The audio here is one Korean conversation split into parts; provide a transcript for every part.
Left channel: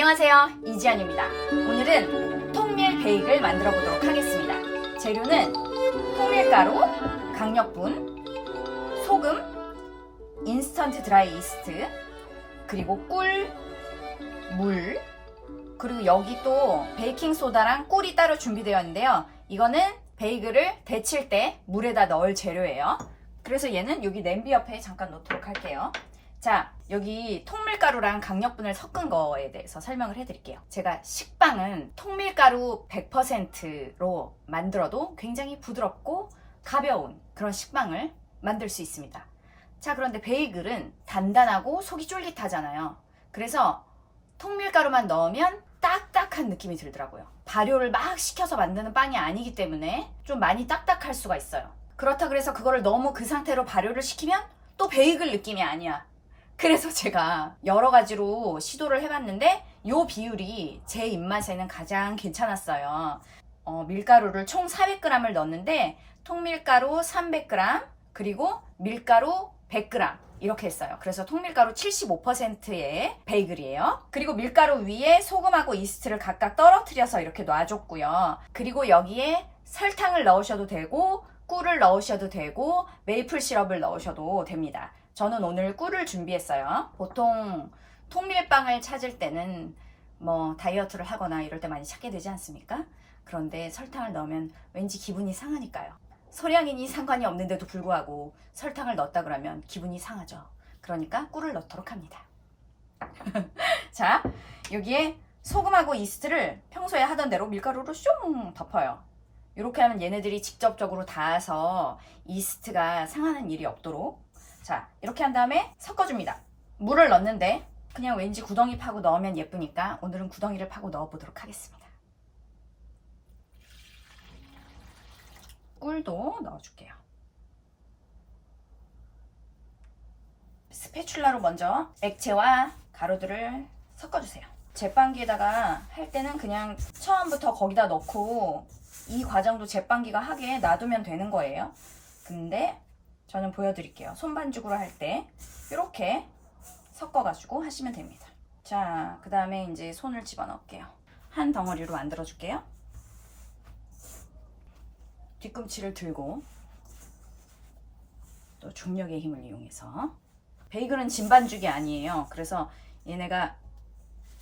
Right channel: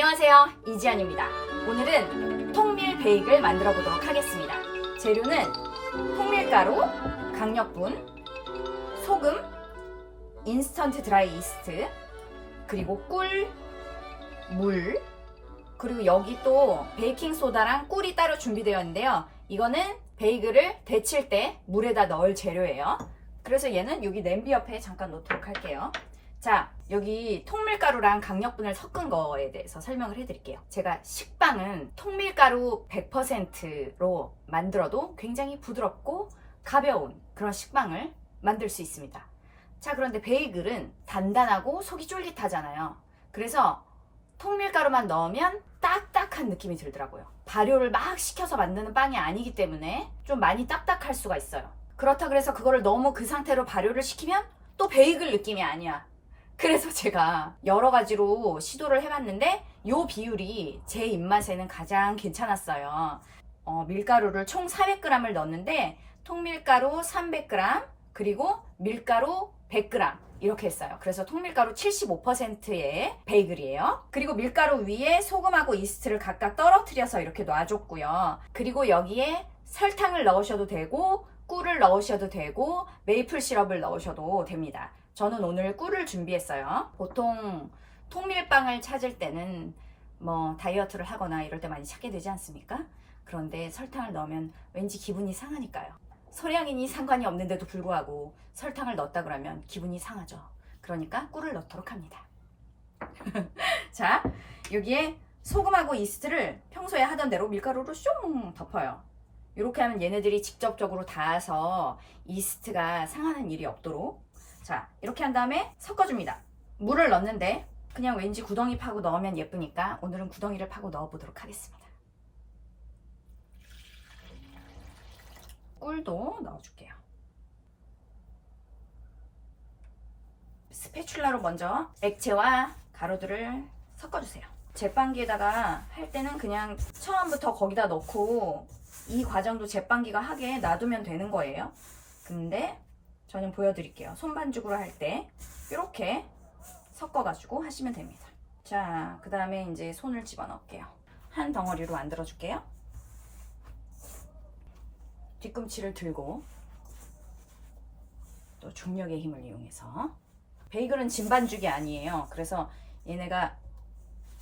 안녕하세요, 이지안입니다. 오늘은 통밀 베이글 만들어 보도록 하겠습니다. 재료는 통밀가루, 강력분, 소금, 인스턴트 드라이 이스트, 그리고 꿀, 물, 그리고 여기 또 베이킹소다랑 꿀이 따로 준비되어 있는데요. 이거는 베이글을 데칠 때 물에다 넣을 재료예요. 그래서 얘는 여기 냄비 옆에 잠깐 놓도록 할게요. 자, 여기 통밀가루랑 강력분을 섞은 거에 대해서 설명을 해드릴게요. 제가 식빵은 통밀가루 100%로 만들어도 굉장히 부드럽고 가벼운 그런 식빵을 만들 수 있습니다. 자, 그런데 베이글은 단단하고 속이 쫄깃하잖아요. 그래서 통밀가루만 넣으면 딱딱한 느낌이 들더라고요. 발효를 막 시켜서 만드는 빵이 아니기 때문에 좀 많이 딱딱할 수가 있어요. 그렇다 그래서 그거를 너무 그 상태로 발효를 시키면 또 베이글 느낌이 아니야. 그래서 제가 여러 가지로 시도를 해봤는데 이 비율이 제 입맛에는 가장 괜찮았어요. 밀가루를 총 400g을 넣었는데 통밀가루 300g 그리고 밀가루 100g 이렇게 했어요. 그래서 통밀가루 75%의 베이글이에요. 그리고 밀가루 위에 소금하고 이스트를 각각 떨어뜨려서 이렇게 놔줬고요. 그리고 여기에 설탕을 넣으셔도 되고 꿀을 넣으셔도 되고 메이플 시럽을 넣으셔도 됩니다. 저는 오늘 꿀을 준비했어요. 보통 통밀빵을 찾을 때는 뭐 다이어트를 하거나 이럴 때 많이 찾게 되지 않습니까? 그런데 설탕을 넣으면 왠지 기분이 상하니까요. 소량이니 상관이 없는데도 불구하고 설탕을 넣었다 그러면 기분이 상하죠. 그러니까 꿀을 넣도록 합니다. 자, 여기에 소금하고 이스트를 평소에 하던 대로 밀가루로 슝 덮어요. 이렇게 하면 얘네들이 직접적으로 닿아서 이스트가 상하는 일이 없도록. 자, 이렇게 한 다음에 섞어줍니다. 물을 넣는데 그냥 왠지 구덩이 파고 넣으면 예쁘니까 오늘은 구덩이를 파고 넣어보도록 하겠습니다. 꿀도 넣어줄게요. 스패츌라로 먼저 액체와 가루들을 섞어주세요. 제빵기에다가 할 때는 그냥 처음부터 거기다 넣고 이 과정도 제빵기가 하게 놔두면 되는 거예요. 근데 저는 보여드릴게요. 손반죽으로 할 때 이렇게 섞어가지고 하시면 됩니다. 자, 그 다음에 이제 손을 집어넣을게요. 한 덩어리로 만들어 줄게요. 뒤꿈치를 들고 또 중력의 힘을 이용해서. 베이글은 진반죽이 아니에요. 그래서 얘네가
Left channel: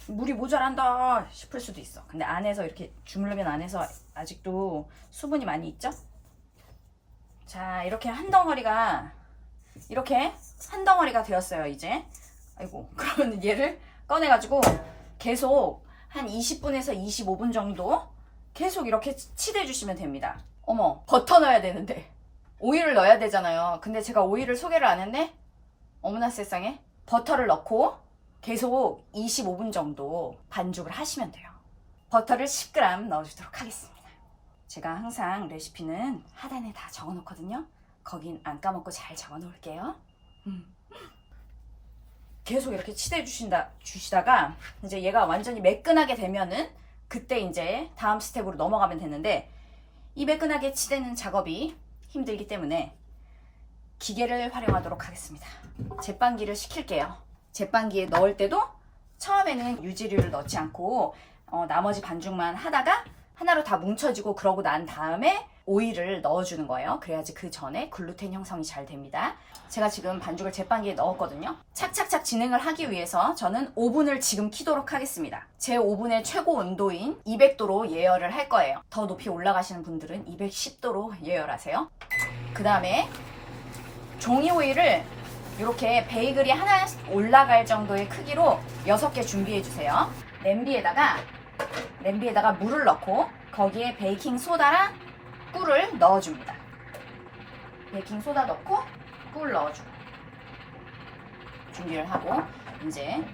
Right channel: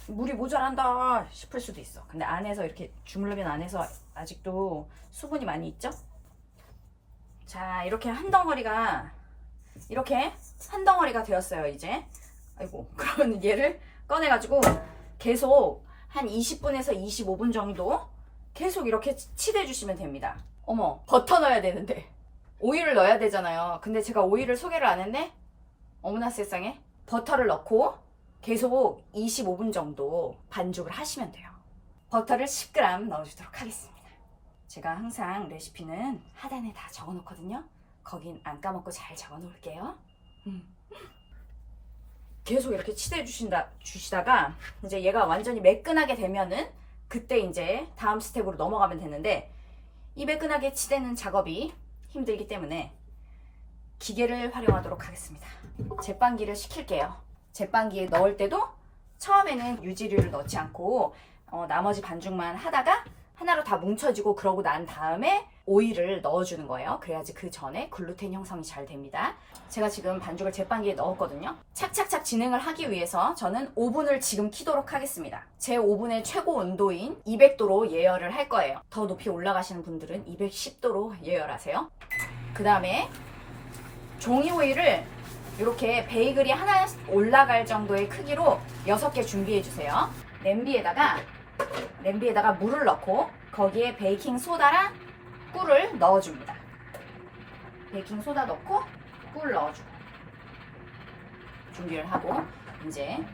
물이 모자란다 싶을 수도 있어. 근데 안에서 이렇게 주물르면 안에서 아직도 수분이 많이 있죠? 자, 이렇게 한 덩어리가 되었어요. 이제 아이고, 그러면 얘를 꺼내가지고 계속 한 20분에서 25분 정도 계속 이렇게 치대 주시면 됩니다. 어머, 버터 넣어야 되는데 오일을 넣어야 되잖아요. 근데 제가 오일을 소개를 안 했네. 어머나 세상에. 버터를 넣고 계속 25분 정도 반죽을 하시면 돼요. 버터를 10g 넣어주도록 하겠습니다. 제가 항상 레시피는 하단에 다 적어 놓거든요. 거긴 안 까먹고 잘 적어 놓을게요. 계속 이렇게 치대 주시다가 이제 얘가 완전히 매끈하게 되면은 그때 이제 다음 스텝으로 넘어가면 되는데, 이 매끈하게 치대는 작업이 힘들기 때문에 기계를 활용하도록 하겠습니다. 제빵기를 시킬게요. 제빵기에 넣을 때도 처음에는 유지류를 넣지 않고 나머지 반죽만 하다가 하나로 다 뭉쳐지고 그러고 난 다음에 오일을 넣어주는 거예요. 그래야지 그 전에 글루텐 형성이 잘 됩니다. 제가 지금 반죽을 제빵기에 넣었거든요. 착착착 진행을 하기 위해서 저는 오븐을 지금 켜도록 하겠습니다. 제 오븐의 최고 온도인 200도로 예열을 할 거예요. 더 높이 올라가시는 분들은 210도로 예열하세요. 그 다음에 종이 오일을 이렇게 베이글이 하나 올라갈 정도의 크기로 6개 준비해 주세요. 냄비에다가 물을 넣고 거기에 베이킹 소다랑 꿀을 넣어줍니다. 베이킹 소다 넣고 꿀 넣어주고 준비를 하고 이제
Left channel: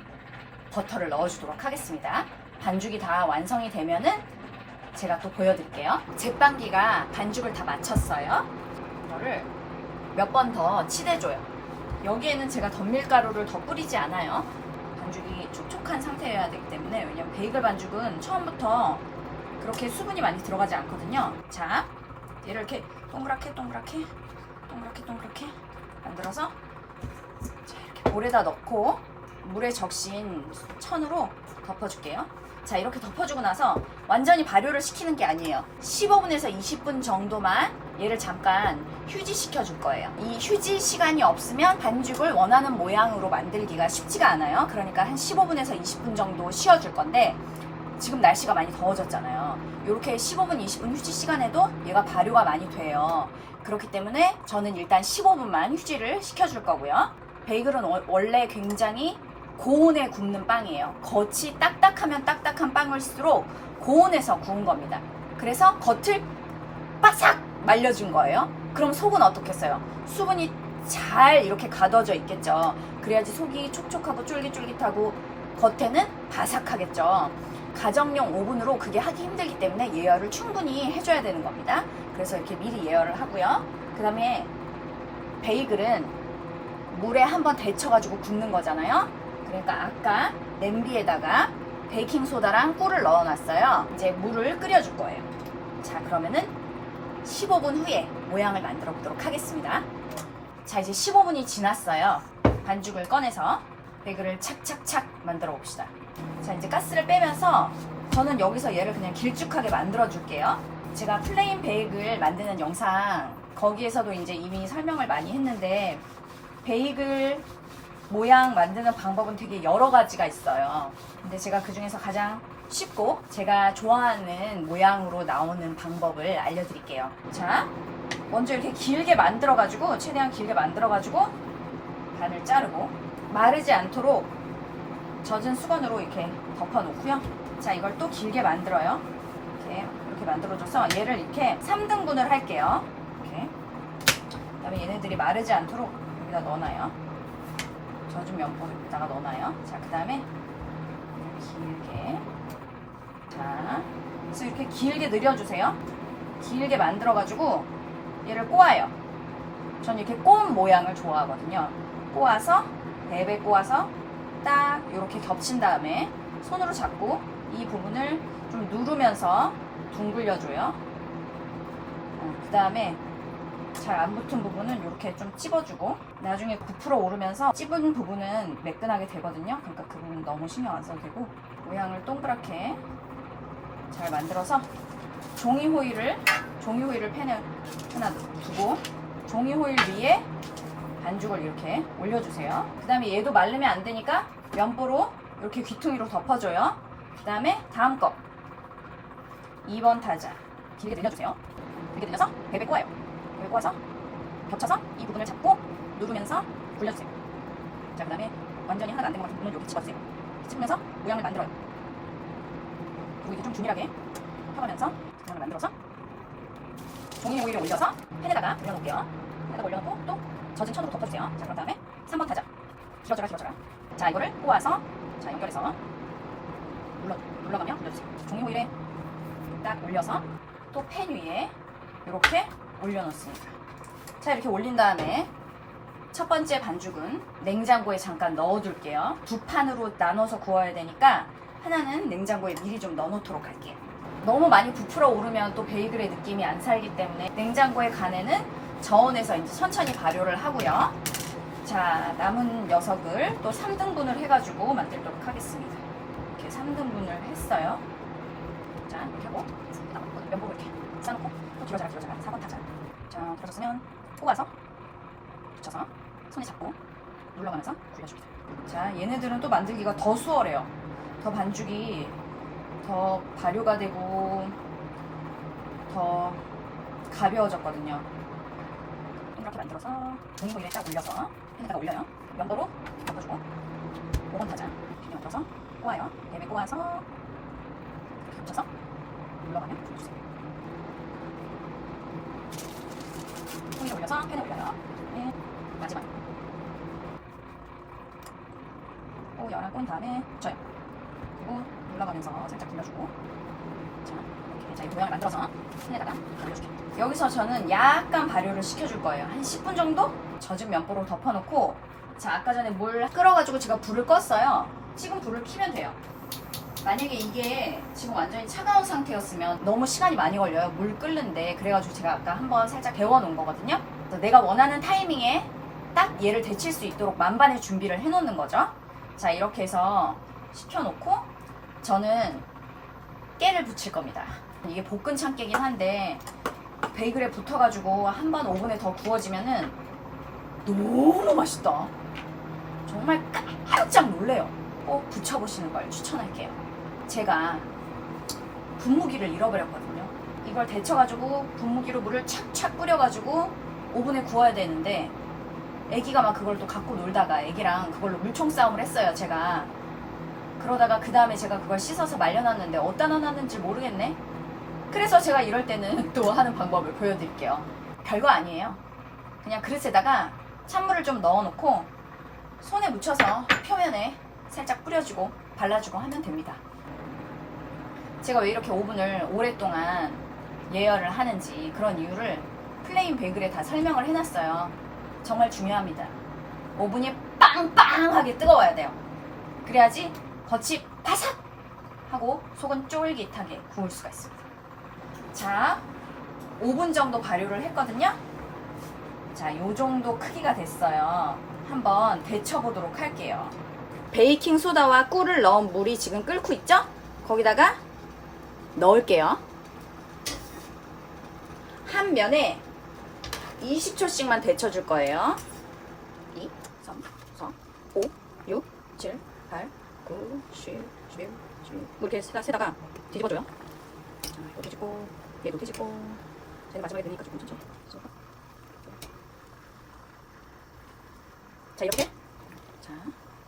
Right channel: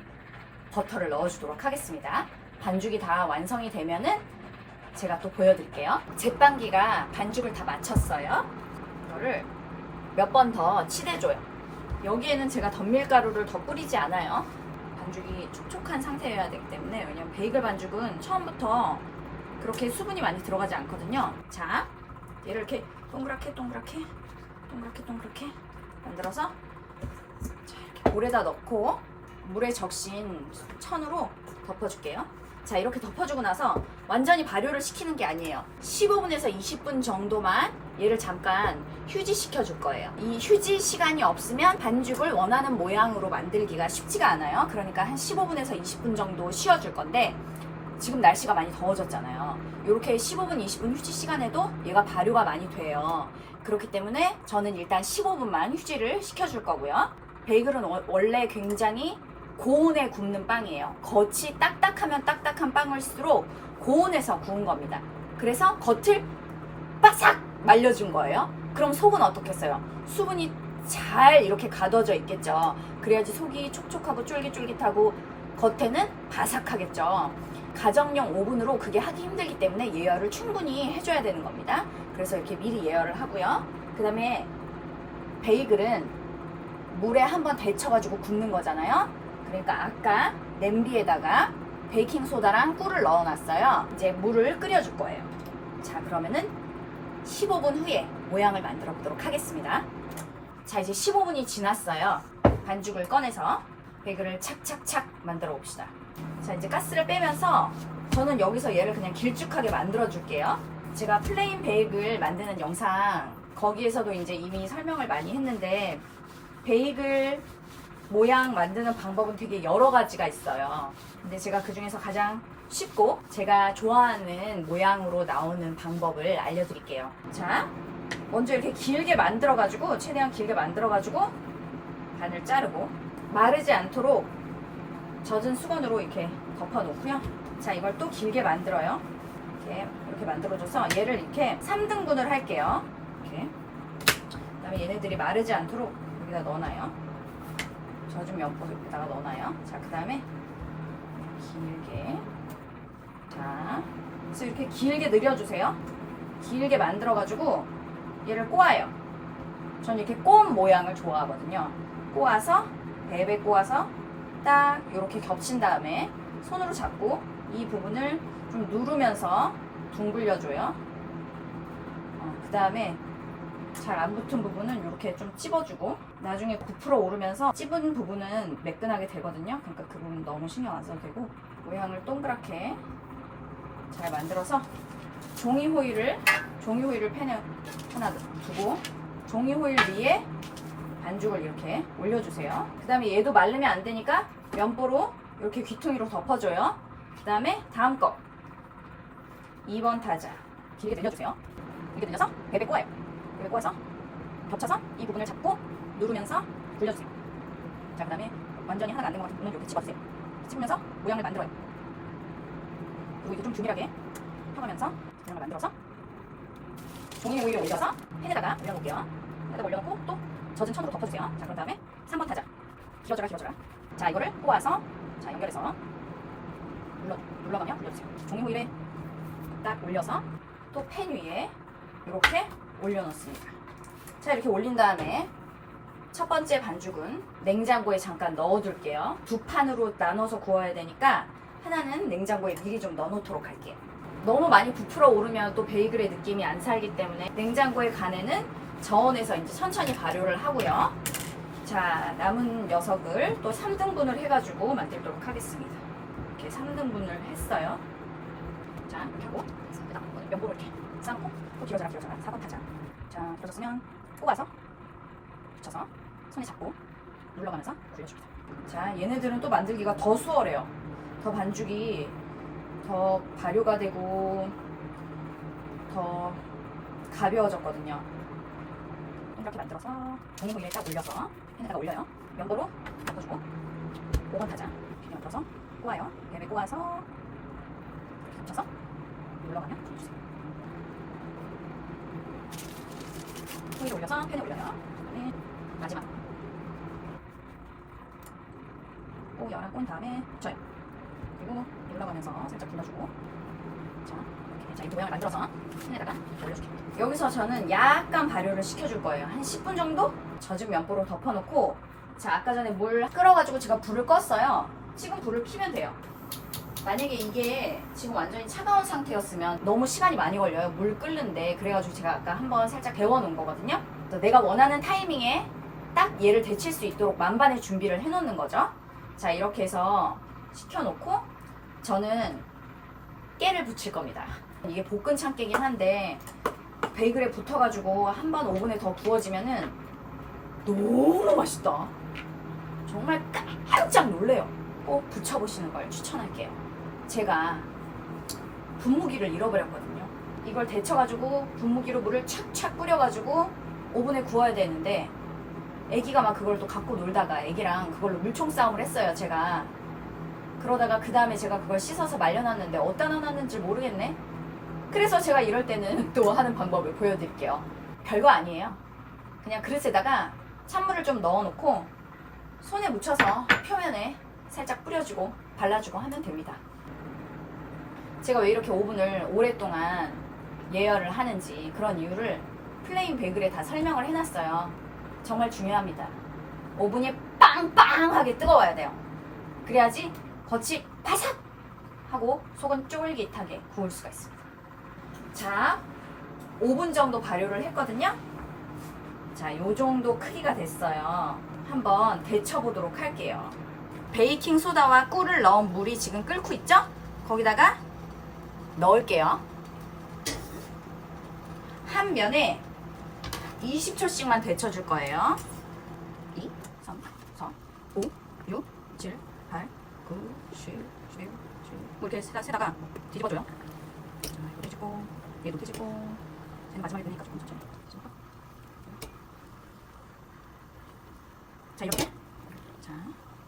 버터를 넣어주도록 하겠습니다. 반죽이 다 완성이 되면은 제가 또 보여드릴게요. 제빵기가 반죽을 다 마쳤어요. 이거를 몇 번 더 치대줘요. 여기에는 제가 덧밀가루를 더 뿌리지 않아요. 반죽이 촉촉한 상태여야 되기 때문에. 왜냐면 베이글 반죽은 처음부터 그렇게 수분이 많이 들어가지 않거든요. 자, 얘를 이렇게 동그랗게 만들어서 자, 이렇게 볼에다 넣고 물에 적신 천으로 덮어줄게요. 자, 이렇게 덮어주고 나서 완전히 발효를 시키는 게 아니에요. 15분에서 20분 정도만 얘를 잠깐 휴지시켜 줄 거예요. 이 휴지 시간이 없으면 반죽을 원하는 모양으로 만들기가 쉽지가 않아요. 그러니까 한 15분에서 20분 정도 쉬어줄 건데, 지금 날씨가 많이 더워졌잖아요. 이렇게 15분, 20분 휴지 시간에도 얘가 발효가 많이 돼요. 그렇기 때문에 저는 일단 15분만 휴지를 시켜줄 거고요. 베이글은 원래 굉장히 고온에 굽는 빵이에요. 겉이 딱딱하면 딱딱한 빵일수록 고온에서 구운 겁니다. 그래서 겉을 바삭 말려준 거예요. 그럼 속은 어떻겠어요? 수분이 잘 이렇게 가둬져 있겠죠. 그래야지 속이 촉촉하고 쫄깃쫄깃하고 겉에는 바삭하겠죠. 가정용 오븐으로 그게 하기 힘들기 때문에 예열을 충분히 해줘야 되는 겁니다. 그래서 이렇게 미리 예열을 하고요. 그 다음에 베이글은 물에 한번 데쳐가지고 굽는 거잖아요. 그러니까 아까 냄비에다가 베이킹소다랑 꿀을 넣어놨어요. 이제 물을 끓여줄 거예요. 자, 그러면은 15분 후에 모양을 만들어 보도록 하겠습니다. 자, 이제 15분이 지났어요. 반죽을 꺼내서 베이글을 착착착 만들어 봅시다. 자, 이제 가스를 빼면서 저는 여기서 얘를 그냥 길쭉하게 만들어 줄게요. 제가 플레인 베이글 만드는 영상 거기에서도 이제 이미 설명을 많이 했는데, 베이글 모양 만드는 방법은 되게 여러 가지가 있어요. 근데 제가 그 중에서 가장 쉽고 제가 좋아하는 모양으로 나오는 방법을 알려드릴게요. 자, 먼저 이렇게 길게 만들어가지고, 최대한 길게 만들어가지고 반을 자르고 마르지 않도록 젖은 수건으로 이렇게 덮어놓고요. 자, 이걸 또 길게 만들어요. 이렇게 만들어줘서 얘를 이렇게 3등분을 할게요. 이렇게. 그 다음에 얘네들이 마르지 않도록 여기다 넣어놔요. 젖은 면보에다가 넣어놔요. 자, 그 다음에 길게. 자, 그래서 이렇게 길게 늘려주세요. 길게 만들어가지고 얘를 꼬아요. 전 이렇게 꼬은 모양을 좋아하거든요. 꼬아서, 랩에 꼬아서 딱 이렇게 겹친 다음에 손으로 잡고 이 부분을 좀 누르면서 둥글려줘요. 그 다음에 잘 안 붙은 부분은 이렇게 좀 찝어주고, 나중에 부풀어 오르면서 찝은 부분은 매끈하게 되거든요. 그러니까 그 부분 너무 신경 안 써도 되고, 모양을 동그랗게 잘 만들어서 종이 호일을 팬에 하나 두고 종이 호일 위에 반죽을 이렇게 올려주세요. 그 다음에 얘도 말르면 안 되니까 면보로 이렇게 귀퉁이로 덮어줘요. 그 다음에 다음 거 2번 타자 길게 늘려주세요. 길게 늘려서 베베 꼬아요. 베베 꼬아서 겹쳐서 이 부분을 잡고 누르면서 굴려주세요. 자, 그 다음에 완전히 하나가 안 된 것 같은 부분은 이렇게 집어주세요. 집으면서 모양을 만들어요. 그리고 이게 좀 균일하게 펴가면서 모양을 만들어서 종이 오일을 올려서 팬에다가 올려놓을게요. 팬에다가 올려놓고 또 젖은 천으로 덮어주세요. 자, 그런 다음에 3번 타자 길어져라 길어져라. 자, 이거를 꼬아서 자 연결해서 눌러가며 올려주세요. 종이 호일에 딱 올려서 또 팬 위에 이렇게 올려놓습니다. 자, 이렇게 올린 다음에 첫 번째 반죽은 냉장고에 잠깐 넣어둘게요. 두 판으로 나눠서 구워야 되니까 하나는 냉장고에 미리 좀 넣어놓도록 할게요. 너무 많이 부풀어 오르면 또 베이글의 느낌이 안 살기 때문에 냉장고에 간에는 저온에서 이제 천천히 발효를 하고요. 자, 남은 녀석을 또 3등분을 해가지고 만들도록 하겠습니다. 이렇게 3등분을 했어요. 자, 이렇게 하고 면보로 이렇게 쌓아놓고 또 길어져라 4번 타자. 자, 길어졌으면 꼬아서 붙여서 손에 잡고 눌러가면서 굴려줍니다. 자, 얘네들은 또 만들기가 더 수월해요. 더 반죽이 더 발효가 되고 더 가벼워졌거든요. 이렇게 만들어서 종이 호일에 딱 올려서 팬에다가 올려요. 면보로 덮어주고 5번 타자 이렇게 만들어서 꼬아요. 랩에 꼬아서 이렇게 겹쳐서 눌러가며 굴려주세요. 호일에 올려서 팬에 올려요. 네, 마지막 꼬은 다음에 붙여요. 그리고 눌러가면서 살짝 굴려주고, 자, 이렇게 자, 이 모양을 만들어서 팬에다가 올려줄게요. 여기서 저는 약간 발효를 시켜줄 거예요. 한 10분 정도 젖은 면보로 덮어놓고, 자, 아까 전에 물 끓어가지고 제가 불을 껐어요. 지금 불을 켜면 돼요. 만약에 이게 지금 완전히 차가운 상태였으면 너무 시간이 많이 걸려요. 물 끓는데. 그래가지고 제가 아까 한번 살짝 데워놓은 거거든요. 그래서 내가 원하는 타이밍에 딱 얘를 데칠 수 있도록 만반의 준비를 해놓는 거죠. 자, 이렇게 해서 식혀놓고 저는 깨를 붙일 겁니다. 이게 볶은 참깨긴 한데 베이글에 붙어가지고 한번 오븐에 더 구워지면은 너무 맛있다. 정말 깜짝 놀래요. 꼭 붙여보시는 걸 추천할게요. 제가 분무기를 잃어버렸거든요. 이걸 데쳐가지고 분무기로 물을 착착 뿌려가지고 오븐에 구워야 되는데 애기가 막 그걸 또 갖고 놀다가 애기랑 그걸로 물총 싸움을 했어요. 제가 그러다가 그 다음에 제가 그걸 씻어서 말려놨는데 어디다 넣어놨는지 모르겠네. 그래서 제가 이럴 때는 또 하는 방법을 보여드릴게요. 별거 아니에요. 그냥 그릇에다가 찬물을 좀 넣어놓고 손에 묻혀서 표면에 살짝 뿌려주고 발라주고 하면 됩니다. 제가 왜 이렇게 오븐을 오랫동안 예열을 하는지 그런 이유를 플레인 베이글에 다 설명을 해놨어요. 정말 중요합니다. 오븐이 빵빵하게 뜨거워야 돼요. 그래야지 겉이 바삭 하고 속은 쫄깃하게 구울 수가 있습니다. 자, 5분 정도 발효를 했거든요. 자, 요 정도 크기가 됐어요. 한번 데쳐보도록 할게요. 베이킹 소다와 꿀을 넣은 물이 지금 끓고 있죠? 거기다가 넣을게요. 한 면에 20초씩만 데쳐줄 거예요. 2, 3, 4, 5, 6, 7, 8, 9, 10, 11, 16 이렇게 세다가 뒤집어줘요. 자, 이거 뒤집고 얘도 뒤집고 쟤는 마지막에 되니까 조금 천천히. 자, 이렇게 자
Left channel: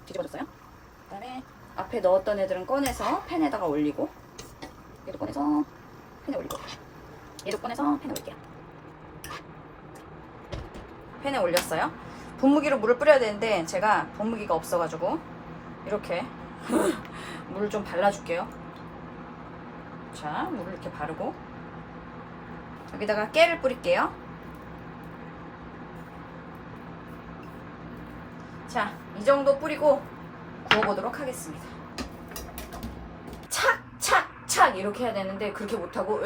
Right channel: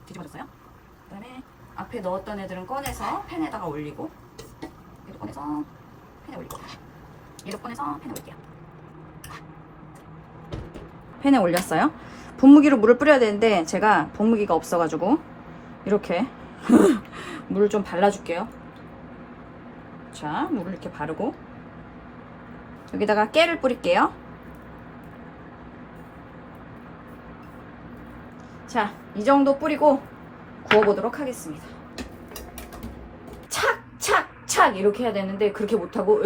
뒤집어줬어요. 그 다음에 앞에 넣었던 애들은 꺼내서 팬에다가 올리고 얘도 꺼내서 팬에 올리고 얘도 꺼내서 팬에 올릴게요. 팬에 올렸어요. 분무기로 물을 뿌려야 되는데 제가 분무기가 없어가지고 이렇게 물을 좀 발라줄게요. 자, 물을 이렇게 바르고 여기다가 깨를 뿌릴게요. 자, 이 정도 뿌리고 구워보도록 하겠습니다. 착착착 이렇게 해야 되는데 그렇게 못하고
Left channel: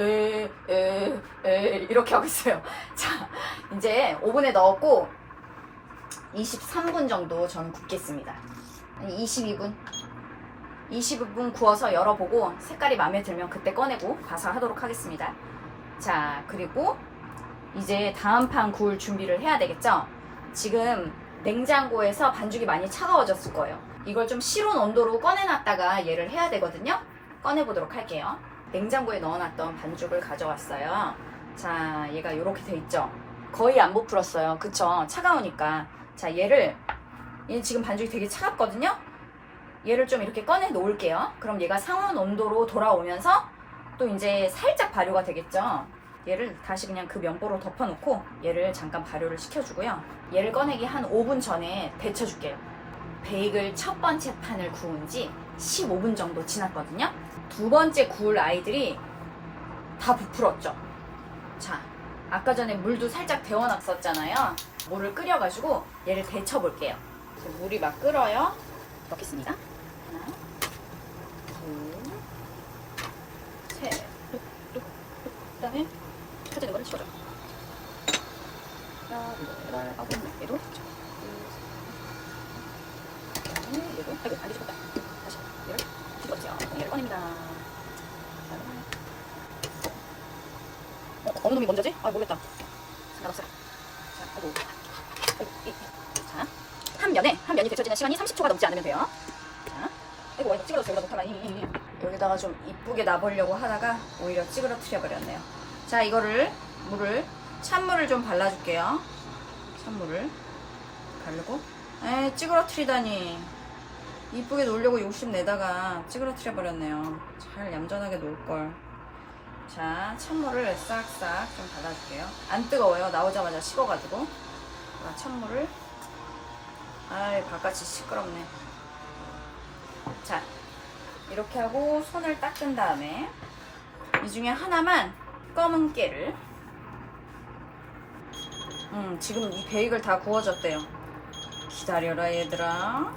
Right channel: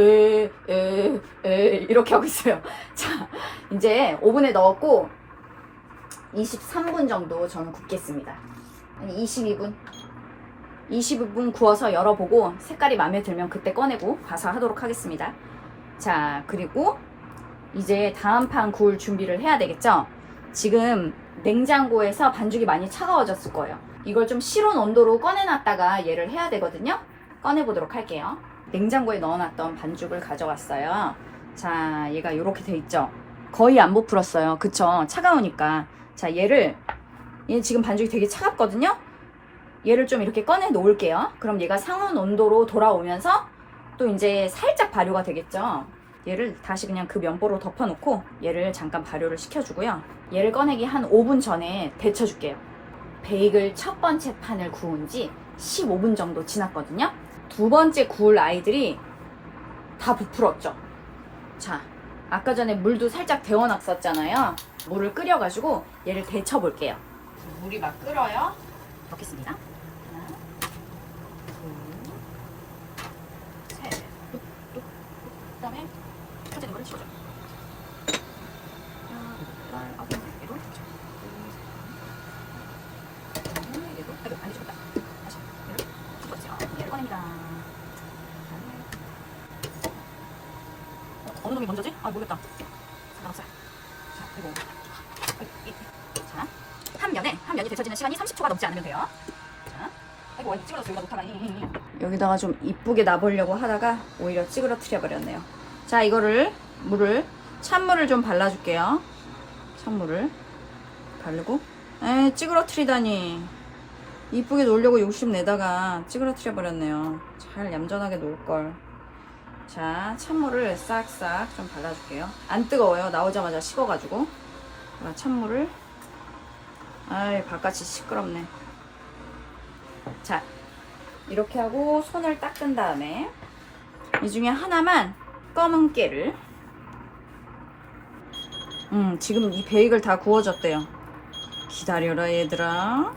이렇게 하고 있어요. 자, 이제 오븐에 넣었고 23분 정도 저는 굽겠습니다. 아니 22분 구워서 열어보고 색깔이 마음에 들면 그때 꺼내고 봐서 하도록 하겠습니다. 자, 그리고 이제 다음 판 구울 준비를 해야 되겠죠? 지금 냉장고에서 반죽이 많이 차가워졌을 거예요. 이걸 좀 실온 온도로 꺼내놨다가 얘를 해야 되거든요. 꺼내보도록 할게요. 냉장고에 넣어놨던 반죽을 가져왔어요. 자, 얘가 이렇게 돼 있죠? 거의 안 부풀었어요. 그쵸? 차가우니까. 자, 얘는 지금 반죽이 되게 차갑거든요? 얘를 좀 이렇게 꺼내 놓을게요. 그럼 얘가 상온 온도로 돌아오면서 또 이제 살짝 발효가 되겠죠? 얘를 다시 그냥 그 면보로 덮어놓고 얘를 잠깐 발효를 시켜주고요. 얘를 꺼내기 한 5분 전에 데쳐줄게요. 베이글 첫 번째 판을 구운 지 15분 정도 지났거든요. 두 번째 구울 아이들이 다 부풀었죠. 자, 아까 전에 물도 살짝 데워놨었잖아요. 물을 끓여가지고 얘를 데쳐볼게요. 물이 막 끓어요. 넣겠습니다. 하나, 둘, 셋. 그 다음에 펴지는 거를 집어줘요. 얘도 그렇죠. 얘도 아이고 안 뒤집었다. 다시 얘를 집어주세요. 얘를 꺼냅니다. 어느 놈이 먼저지? 아 모르겠다. 넣었어요. 자, 아이고. 자, 한 면이 데쳐지는 시간이 30초가 넘지 않으면 돼요. 자, 아이고 찌그러져 여기다 놓다가 여기다가 좀 이쁘게 놔보려고 하다가 오히려 찌그러뜨려 버렸네요. 자, 이거를 찬물을 좀 발라줄게요. 찬물을 바르고 찌그러뜨리다니 이쁘게 놓으려고 욕심내다가 찌그러뜨려 버렸네요. 잘 얌전하게 놓을걸. 자, 찬물을 싹싹 좀 발라줄게요. 안 뜨거워요. 나오자마자 식어가지고. 찬물을 바깥이 시끄럽네. 자, 이렇게 하고 손을 닦은 다음에 이 중에 하나만 검은 깨를 지금 이 베이글 다 구워졌대요. 기다려라 얘들아.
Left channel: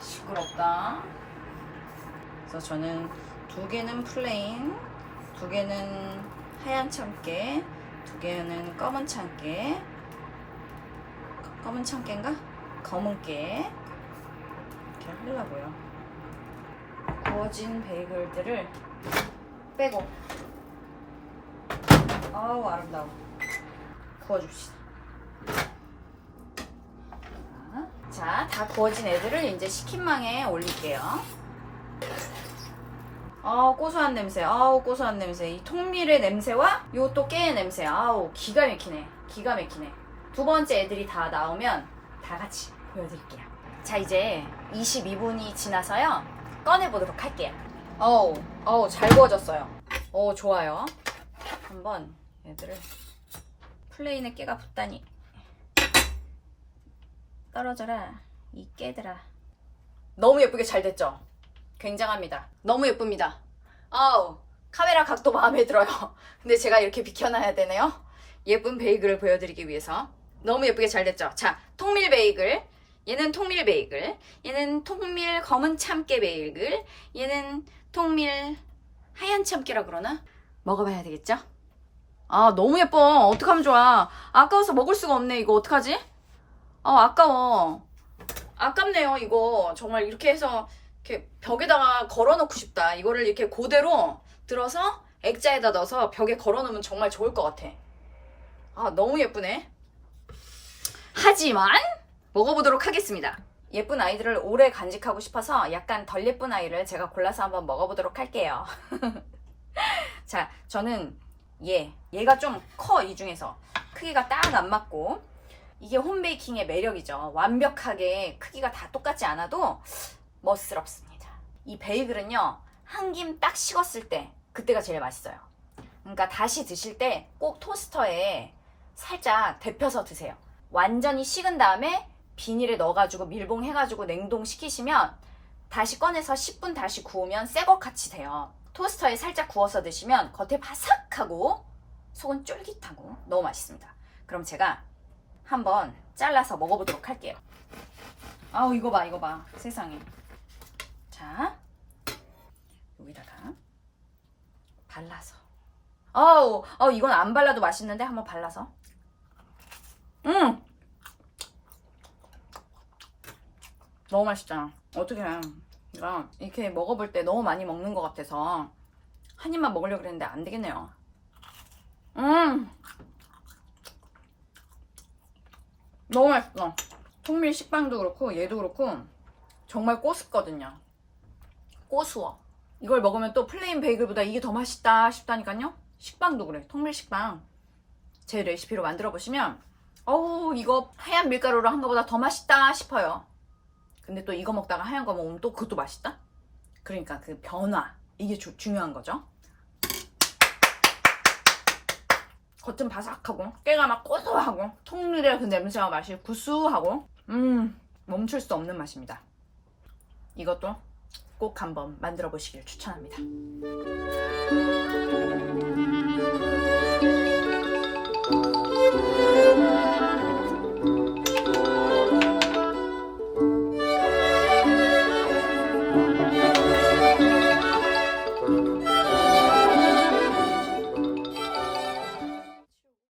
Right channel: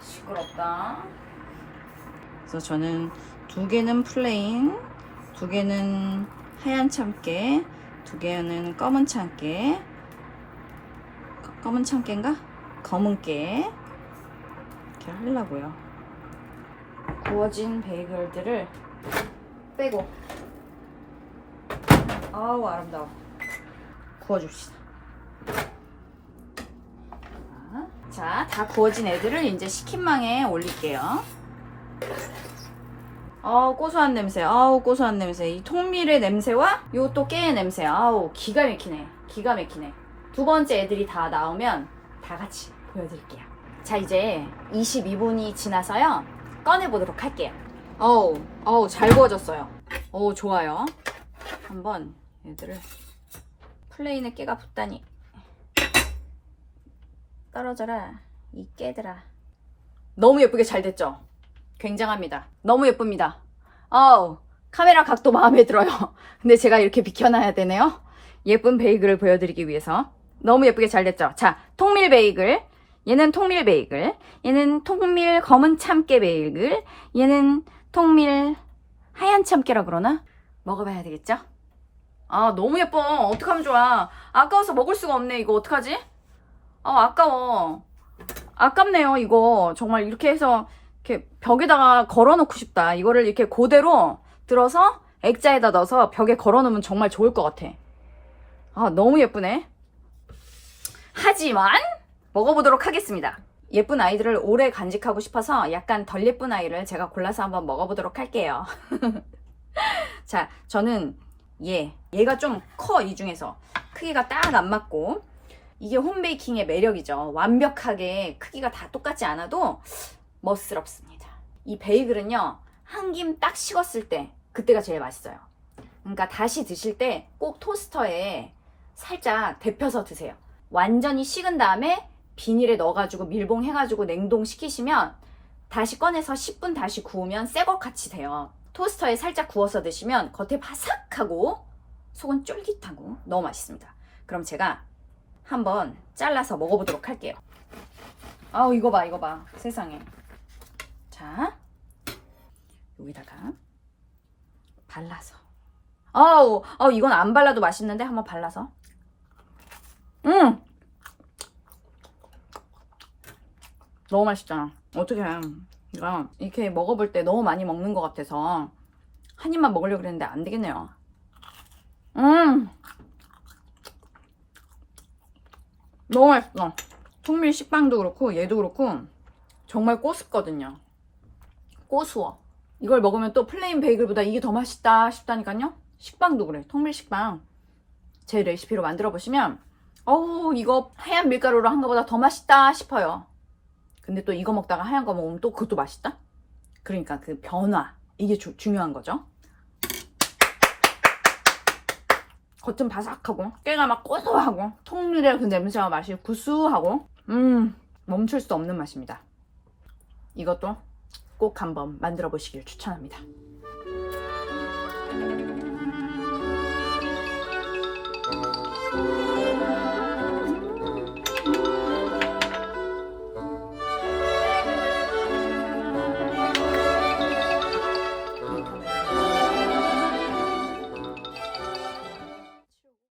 시끄럽다. 그래서 저는 2개는 플레인, 2개는 하얀 참깨, 2개는 검은 참깨, 검은 참깨인가? 검은 깨 이렇게 하려고요. 구워진 베이글들을 빼고, 아우 아름다워. 구워줍시다. 자, 다 구워진 애들을 이제 식힌망에 올릴게요. 고소한 냄새. 아우, 고소한 냄새. 이 통밀의 냄새와 요또 깨의 냄새. 아우, 기가 막히네. 기가 막히네. 두 번째 애들이 다 나오면 다 같이 보여드릴게요. 자, 이제 22분이 지나서요. 꺼내보도록 할게요. 어우, 잘 구워졌어요. 좋아요. 한번 얘들을 플레인에 깨가 붙다니. 떨어져라 이 깨들아. 너무 예쁘게 잘 됐죠? 굉장합니다. 너무 예쁩니다. 카메라 각도 마음에 들어요. 근데 제가 이렇게 비켜놔야 되네요. 예쁜 베이글을 보여드리기 위해서. 너무 예쁘게 잘 됐죠? 자, 통밀 베이글. 얘는 통밀 베이글. 얘는 통밀 검은 참깨 베이글. 얘는 통밀 하얀 참깨라 그러나? 먹어봐야 되겠죠? 너무 예뻐. 어떡하면 좋아. 아까워서 먹을 수가 없네. 이거 어떡하지? 아까워. 아깝네요. 이거 정말 이렇게 해서 이렇게 벽에다가 걸어놓고 싶다. 이거를 이렇게 그대로 들어서 액자에다 넣어서 벽에 걸어놓으면 정말 좋을 것 같아. 너무 예쁘네. 하지만 먹어보도록 하겠습니다. 예쁜 아이들을 오래 간직하고 싶어서 약간 덜 예쁜 아이를 제가 골라서 한번 먹어보도록 할게요. 자, 저는 얘가 좀 커. 이 중에서 크기가 딱 안 맞고. 이게 홈베이킹의 매력이죠. 완벽하게 크기가 다 똑같지 않아도 멋스럽습니다. 이 베이글은요, 한 김 딱 식었을 때 그때가 제일 맛있어요. 그러니까 다시 드실 때 꼭 토스터에 살짝 데펴서 드세요. 완전히 식은 다음에 비닐에 넣어가지고 밀봉해가지고 냉동시키시면 다시 꺼내서 10분 다시 구우면 새 것 같이 돼요. 토스터에 살짝 구워서 드시면 겉에 바삭하고 속은 쫄깃하고 너무 맛있습니다. 그럼 제가 한번 잘라서 먹어보도록 할게요. 이거 봐. 세상에. 자, 여기다가 발라서. 이건 안 발라도 맛있는데 한번 발라서. 너무 맛있잖아. 어떻게 이거 이렇게 먹어볼 때 너무 많이 먹는 것 같아서 한 입만 먹으려고 그랬는데 안 되겠네요. 너무 맛있어. 통밀 식빵도 그렇고 얘도 그렇고 정말 꼬숩거든요. 꼬수어. 이걸 먹으면 또 플레인 베이글보다 이게 더 맛있다 싶다니까요. 식빵도 그래. 통밀 식빵 제 레시피로 만들어 보시면 이거 하얀 밀가루로 한 거보다 더 맛있다 싶어요. 근데 또 이거 먹다가 하얀 거 먹으면 또 그것도 맛있다? 그러니까 그 변화, 이게 중요한 거죠. 겉은 바삭하고 깨가 막 고소하고 통밀의 그 냄새와 맛이 구수하고 멈출 수 없는 맛입니다. 이것도 꼭 한번 만들어 보시길 추천합니다.